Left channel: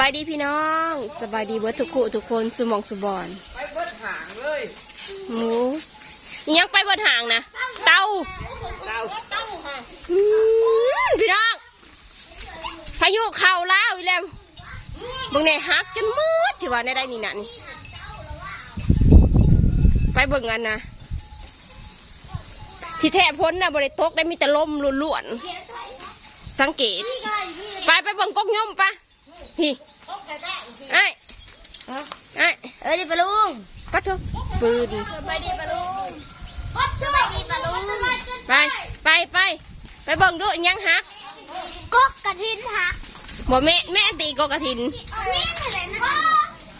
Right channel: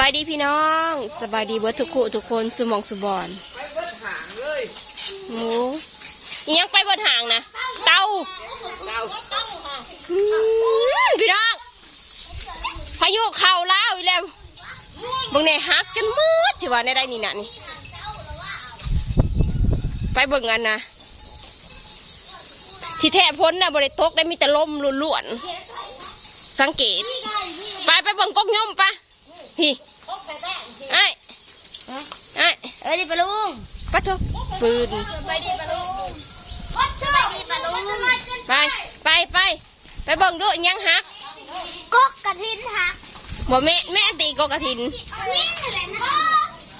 บายดีพี่น้อง สบายดีเบิร์ทุกคู่ทุกคนสุมองสุบอนหมูอิหยังไปบนห่างนะเตาเก้าพี่น้องพายุเข่าแล้วอีแล้วบางในฮักจนมืดสิว่าในได้นี่นะนี่ ไปเบิ่งกันนะที่แท้พ้นนะบริโตกได้มีแต่ลมล้วนๆสังเกต ไปไปเบิ่งกกย่อมปะ พี่ไอ้ไอ้เอ้ยดิปะลุงปัดเถอะปืนสบายดีปะลุงสบายดีปะลุงไปไปไปไปเบิ่งดูอิหยังฮักกกกระทินหักบ่แม่แม่ตีกกกระถินนี่อะไรนะ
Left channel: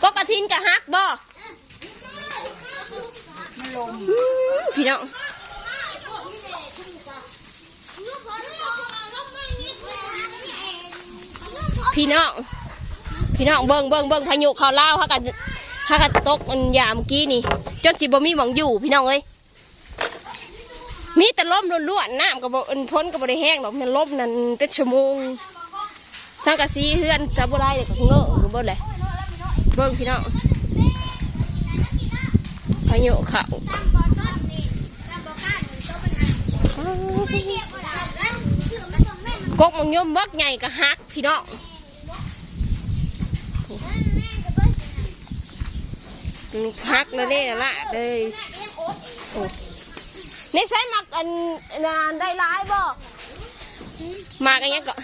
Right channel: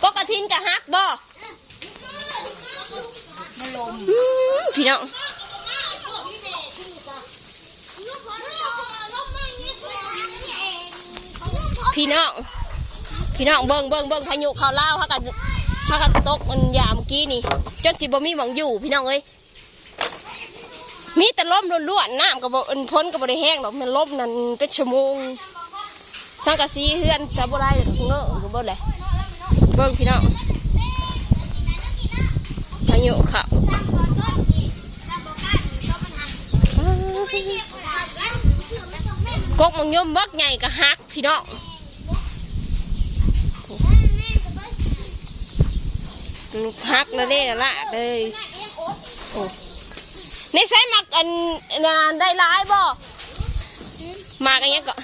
กกกระถินกับฮักบ่มันลมอืมพี่น้องพี่น้อง พี่น้องเบิ่งเบิ่งเบิ่งพายุเขาเล่าเขากันเขากันตกอันยามเมื่อกี้นี่จนสิบ่มีหวังอยู่พี่น้องเอ้ยมีแต่ลมล้วนๆน้ำกับอันพ้นกับบ่ได้แห้งหรอกมันลมนั่นเป็นชั่วโมงสังกะสีเฮือนจะบ่ได้เลยกับเงอะหรือบ่เลยเบิ่งพี่น้องพายุเขากกมังยมบักใหญ่ก็ฮักพี่น้อง ฮักแล้วเด้ละละเลยโอ้ในใช้หมักอันนานได้ร้ายบ่หมากอันเนี้ยก็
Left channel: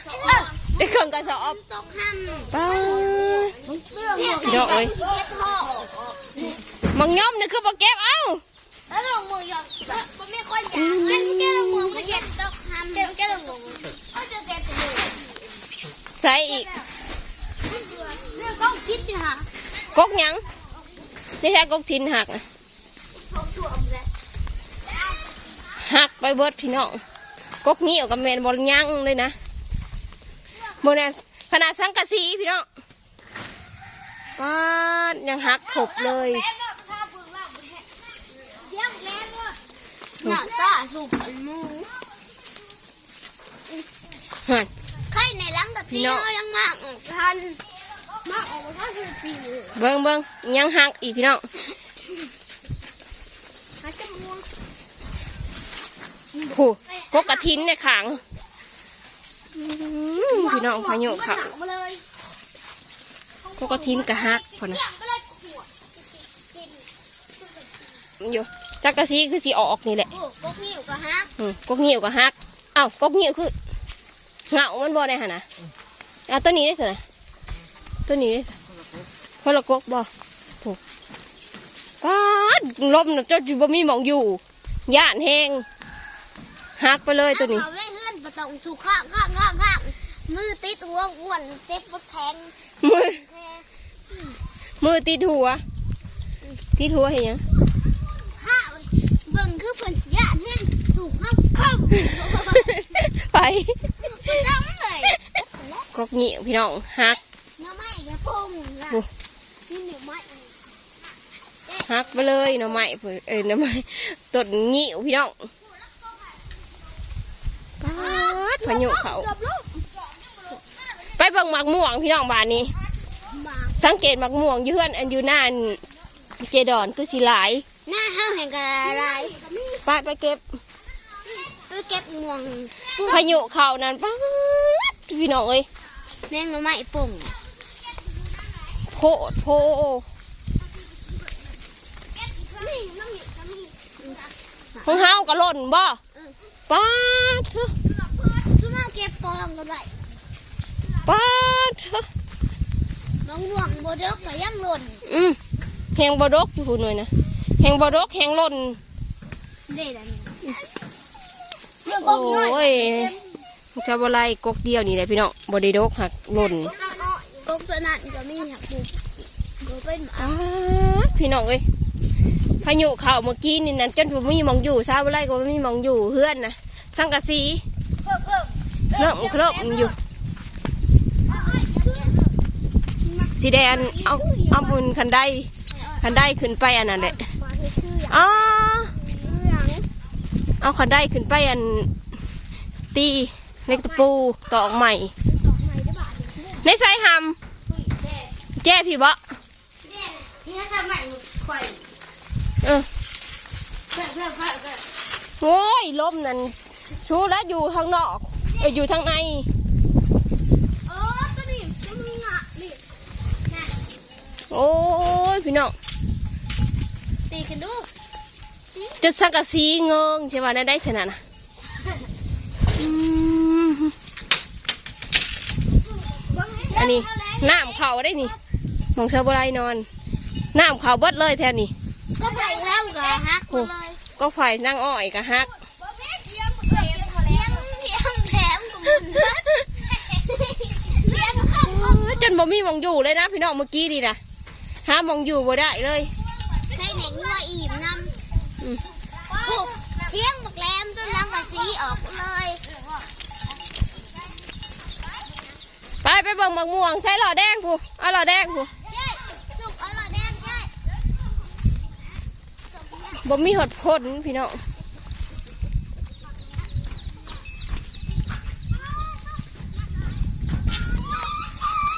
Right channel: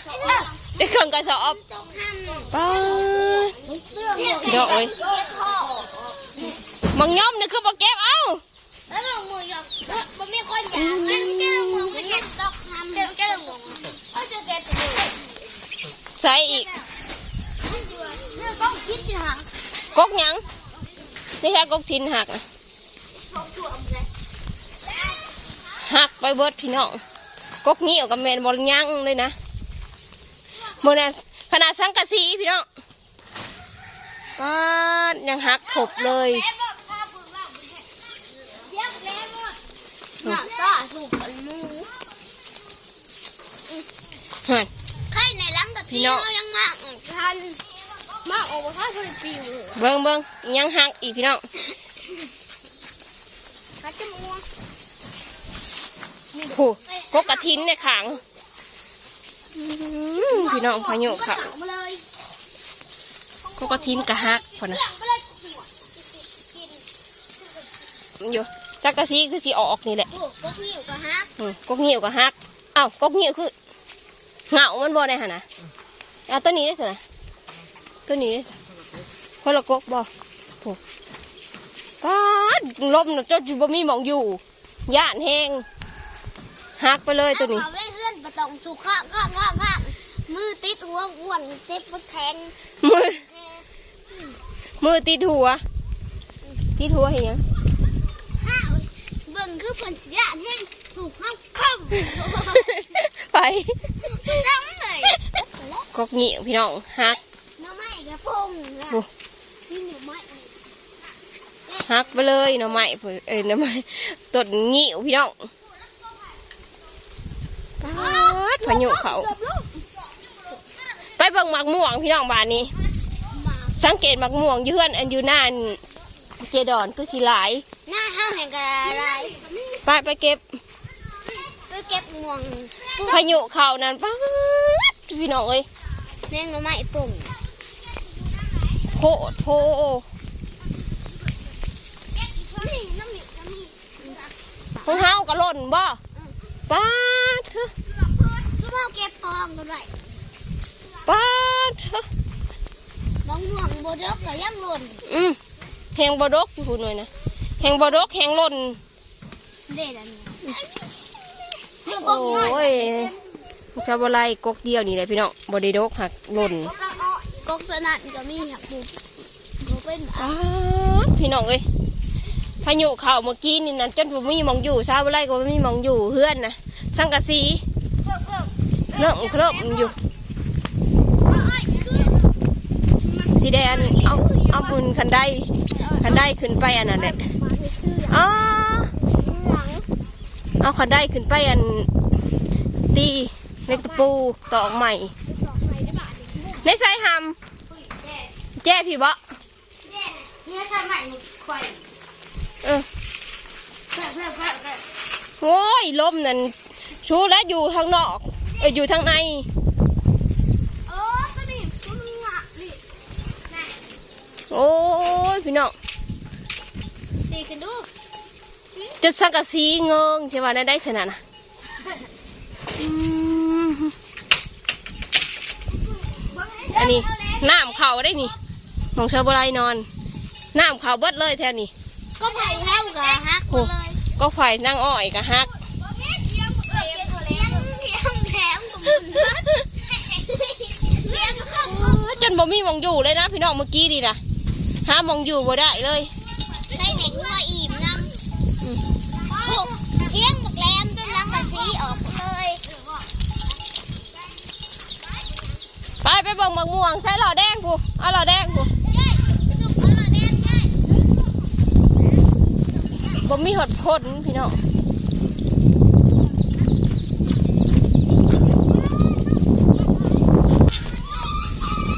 ได้เครื่องกระสอบป้าพี่น้องเอ้ยมังยมนี่คือบ่เก็บเอ้าแล้วลงมือหยอกมันไม่ค่อยยาวมันเจ้ามือมันเย็นตกน้ำเจ้าเจ้ามือก็จะเก็บมือใส่อีกเรื่องต้องคิดอยู่ห่างกกหยัง ไม่ใช่กกทินหักนะเขาช่วงเลยหักไปเบิดพี่น้องกกนี้ออกกับแมนบอลยังเลยนะโมเนสขนาดสังกะสีพี่น้องป้าดยังหักถบเลยเดี๋ยวแรงเลยเนี่ยซ่าสูบมือหั่นใช่ในหลังกับพี่น้องยังงางทัน มาออกมาคือปีเบิ้งเบิ้งยังหักอีกพี่น้องเขาจะมาผูกกกระทินเนี่ยขังอื้อหือพี่น้องพายุเขามาเลยกกระทินกะหักพอนะมาเลยกินอยู่สังกะสีคือสีออกนี่แหละโอ้ก็พี่อยู่กับฮักอืมกกเหนียวกะหักเอ้ากกเหนียวคือเหงามันบ่ได้หนนะเอาตัวนี้ได้สิไหน ตัวนี้ได้สิคนละกกบ่โอ้ป้าดลมน่ะเจ้าจิบ่มีหมองอยู่ย่านแห้งหักไปเลยตัวนี้เอาได้เพื่อนประตองสุข้างข้างข้างข้างมือติดหัวอ้วนเจ็บปุ๊บแทงมือแทงมือติดหัวติดหัวเห็นยังข้าวเบิ่งคือเพิ่นเสียแห้งสุข้างข้างไปดังเลยกกเหนียวพี่น้องหัก น้ำไม้กระพงล่ะโอ้นี่เหนียวไม้หักไปเลยหน่อไม้เพิ่นเอ้ยหน่อไม้ต้นเหนียวพี่น้องป้าดพายุเขา ไปเบิ่งหมักม่วงพี่น้องบ้านนี้มาสังเกตหมักม่วงอยืเอนอันอยู่หน้าอันเจดอนคือสีหลาย หน้าห้าวแห่งกะไรไปไปเก็บ ไปเก็บงวงพายุเขานั่นป้าดพี่น้องเอ้ยเลี้ยงหน่อไม้ปุ่ม โคตรโพนี่น้ำหนีน้ำหนีของเฮาก็หล่นบ่ป้าดเถอะชั่วโมงเก็บกองกันไว้ป้าดเถอะน้องหน่วงโบดกก็ยังหล่นอืมแหงบดกอยู่พูดหน่อยนะแหงบดกแหงหล่นเด็ดอันนี้เรื่องกโอองน้อย้ยชาวบไลกกเดียวนี่แหละพี่น้องบไดีดกหักหล่นกอ งน้อยกองตัวนั้นจะมีหักอยู่ดูเป็นป้าดพี่น้องเอ้ยพายุเข้าเมื่อกี้นี่นั่นจนผมมีหมองอยู่ชาวบไลก็บ่มีหมองอยู่เฮือนนะสังกะสีเคริ่มเคริ่มอยู่สีแดงเอาเอาบุญคันได้คันได้ขึ้นไปอันนั้นแหละอ๋อเอาคันได้ขึ้นไปอันตีเล็กตะปูตอกใหม่ในสายหำ แจ้พี่บ่เนี่ยทำใหม่ข่อยเออเพื่อนเพื่อนเพื่อนเพื่อนโอ้ยลมนั่นชูแล้วอยู่ทางนอกเอออยู่ทางในโอ้ตัวนี้ตัวมึงอะนี่โอ้ยพี่น้องตีกันดูจะสังกะสีเงิงใช่ป่ะได้ได้ขนาดน่ะอืมอันนี้น้ำเขาได้นี่ หมองชาวบรายนอนน้ำเขาเบิดเลยแทนนี่ก็ไปแล้วก็ฮักหมดเลยก็ไผ่นั่งอ้อยกะฮักเลี้ยงเลี้ยงเลี้ยงเลี้ยงแถมเลี้ยงข้าวโอ้ยจนบ่มีหมองอยู่เลยนะพี่น้องเมื่อกี้ดีนะหาหมองอยู่บ่ได้เลยใส่หนังวัวอิ่มน้อืมำเที่ยงบักแรมจนล้างกะสีออกเลยไปไปเบิ่งหมองม่วงใส่หล่อแดงกูเอาหล่อแดงกู บ่มีหดพนพี่น้อง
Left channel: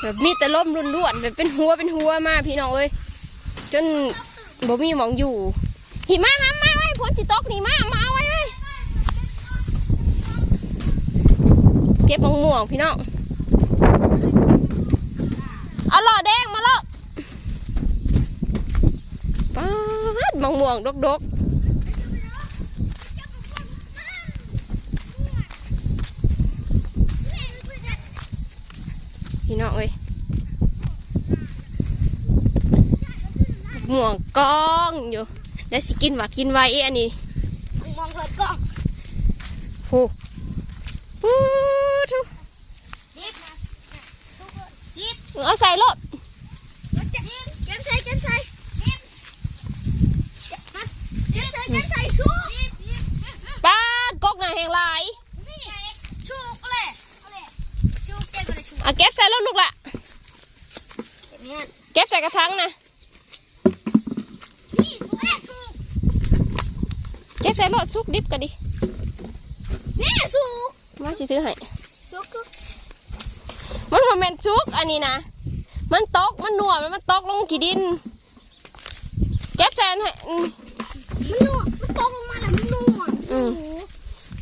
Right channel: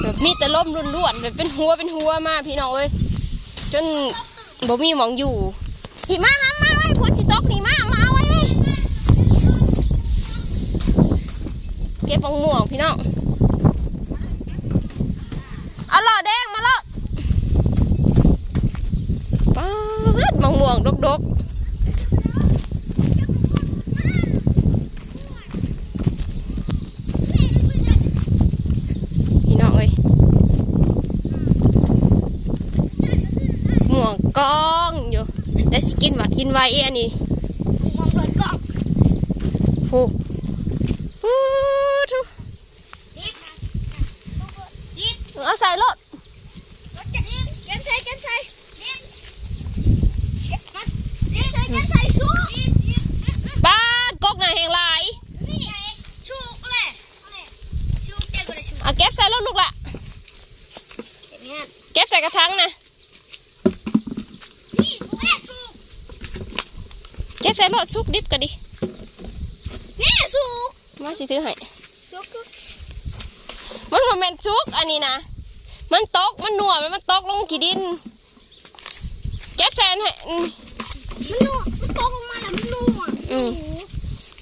แบบมีแต่ล้มล้วนแบบเป็นหัวเป็นหัวมากพี่น้องเอ้ยจนบ่มีหมองอยู่พี่มาหามาไว้พนสิตกนี่มามาเอาไว้เลยเก็บมองม่วงพี่น้อง เอาหล่อแดงมาแล้วป๊า ดมะม่วงดกดกพี่น้องเอ้ยม่วงกองอยู่ได้สกินว่ากินไว้อันนี้มองเปิดกองโอ้ฮู้ทุเอาใส่รถรถจะรีบเก็บใส่เก็บใส่ ป้าดกกหน่ะแหงหลายนี่ชูกเลยชูเจ๊ก็ได้ชูเอาเก็บใส่รถลูกละเนี่ยเก็บใส่กระถางนะนี่ชูแม่ชูเก็บใส่รถซุกดิบกันดินี่ชูมาสิถือให้ชูกมันบ่แมันซุกอันนี้นะมันตกมันหนัวมันมันตกลงกี่ดิน เก็บใส่ให้ อืม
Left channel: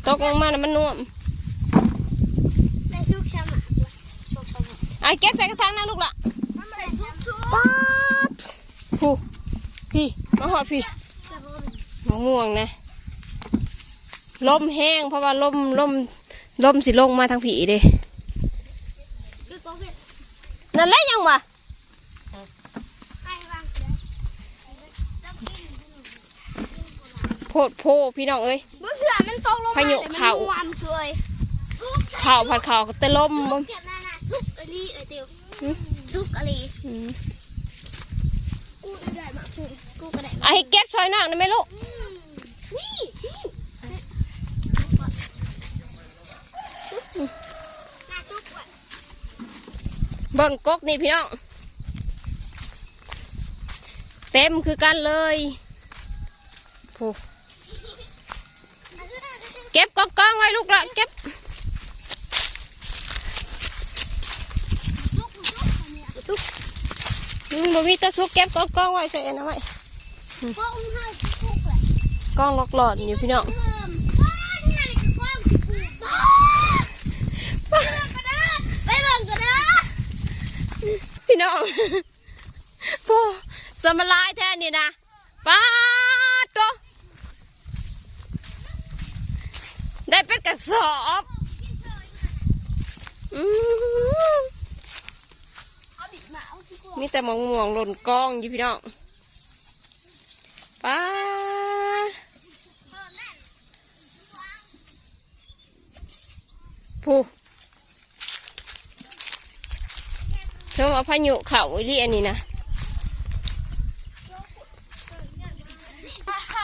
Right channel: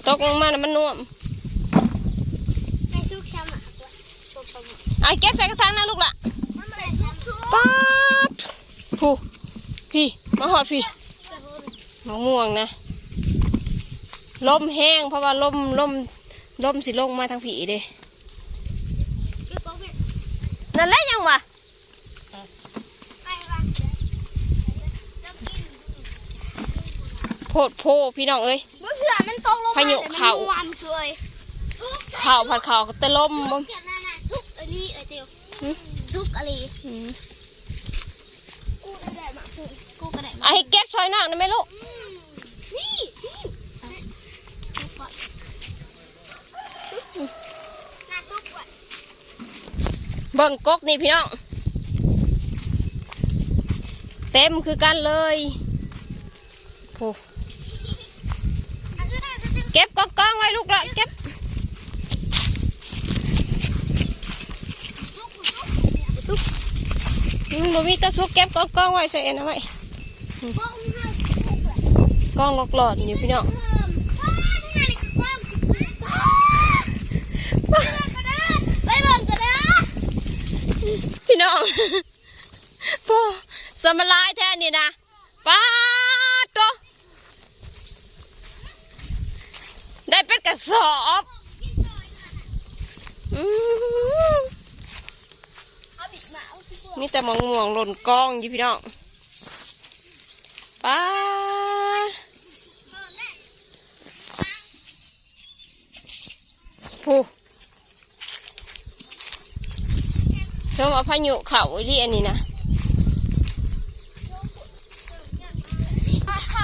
ตกลงมาแล้วมันน่วมไอ้ชูกช้ำอะชูกช้ำอะไอ้เก็บใส่กระถางนะลูกละมันไม่ได้ชูกชูกป๊าดผู้พี่มาหอดพี่มะม่วงนะลมแห้งเพราะว่าลมลมลมสิลงมาทางผีเด้เดี๋ยวก็เว้นนั่นแหละยังวะไปวางแล้วกินโพดโพพี่น้องเอ้ย พายุแต่มันเข้าม่วนสวยข่าวผัดข่าวแต่ลมชุบ่กเจ็บหน้าหน้าชุกอลีเอ้ยเตียวหึชุกอลีอืมกูก็ได้มากูกูก็ได้มาไอ้เก็บซอยนอกนะแม่ลูกอืมนี่นี่น่าชุกว่ะเบิ่งกกนี่พี่น้อง เต็มคือกันเลยโอ้อันนี้น่าจะ เก็บกองกองไว้ลูกละเก็บชุกชุกเนี่ยชุกอืมบ่มีแตะซุกเก็บกองกองไว้ใส่อันนั้นไว้เพราะมันน่าชุกองหลอกหลอดอยู่พี่น้องไปบิ่งกันนะพี่น้องโอ้สมลายแทนนี่นะป้าดโตได้ เป็นกระสอบอืมมีแต่มะม่วงหล่นกองอยู่พี่น้องป้าผู้เชื่อว่าพายุเขาอีเรียนนี่นะ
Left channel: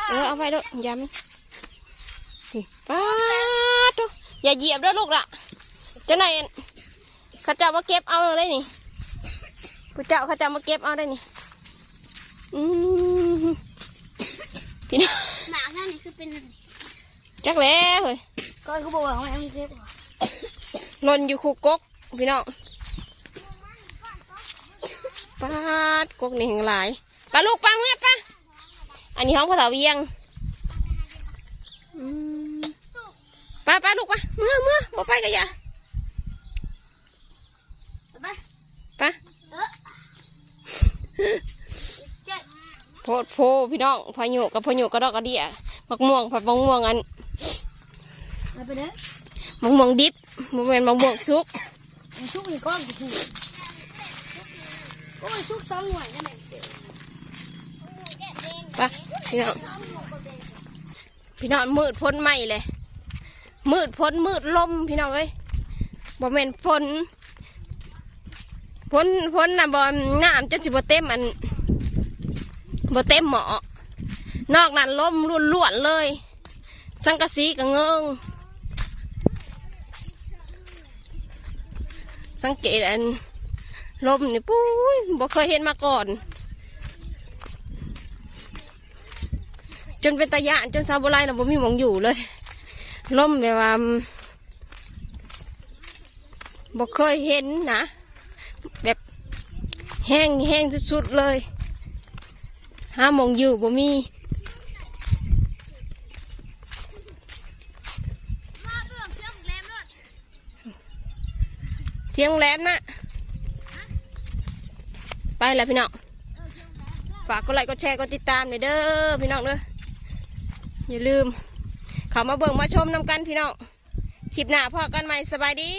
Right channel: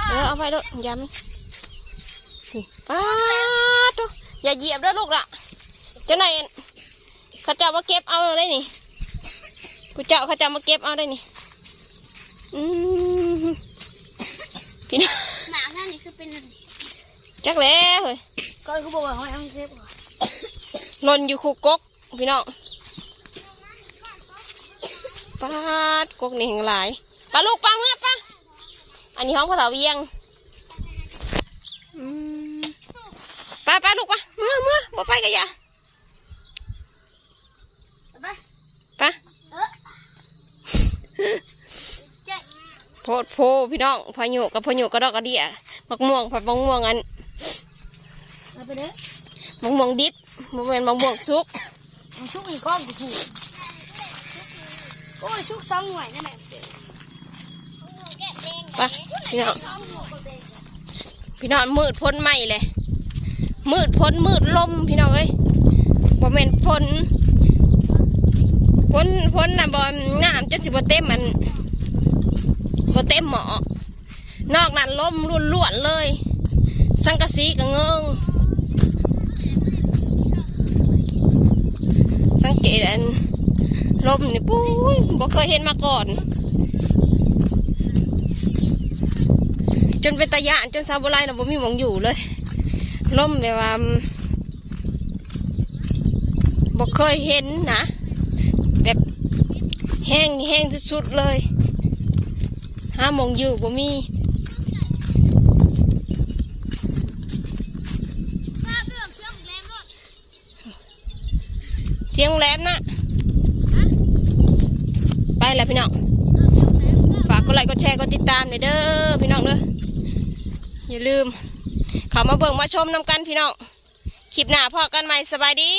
เออเอาไปด้วยย้ำป้า อย่าเหยียบด้วยลูกละเจ้านายอั่นเขาเจ้ามาเก็บเอาได้นี่กูเจ้าเขาเจ้ามาเก็บเอาได้นี่อืมพี่น้องหมาท่านนี่คือเป็นจักแล้วเฮ้ยก้อยเขาบอกว่าเขายังเก็บว่ะหล่นอยู่คูกกพี่น้องปาดกกนี่แห่งหลายปลาลูกปลาเงือบปะอันนี้ห้องพระเถาเวียงอืม ปลาปลาลูกปะเมื่อเมื่อบ่ไปกันอย่าเอาไปปะเออเจ็ดโพดโพพี่น้องพายุกับพายุกระดอกกระเดียมักม่วงผัดมักม่วงอันเอาไปเด้อมักม่วงดิบบ่แม่นมักม่วงซุปมันชุกอีกก้อนกูถูกโอ้ยชุกสองหน่วยนั่นแหละปะพี่น้องพี่น้องมืดพ้นไหมเลย มืดพ้นมืดลมพี่น้องเอ้ยบ่แม่นพ้นพ้นพ้นนะบ่งามจนสิบ่เต็มอันบ่เต็มหมอนอกนั้นลมล้วนๆเลย สังกะสีก็เงิงสังเกตอันลมนี่ปุ้ยบ่เคยเห็นมาก่อน จนเป็นตะยานจนซาบุไรนะบ่มีหมองอยู่เลย ล่มแบบว่าบ่เคยเห็นนะ แบบแห้งแห้งสุดๆเลยห้ามองอยู่บ่มีเที่ยงแหลมนะ ไปแล้วพี่น้อง ฝากกดไลค์กดแชร์กดติดตามหน่อยเด้อพี่น้องเด้ออย่าลืม เข้ามาเบิ่งมาชมนำกันพี่น้องคลิปหน้าพอกันใหม่สบายดี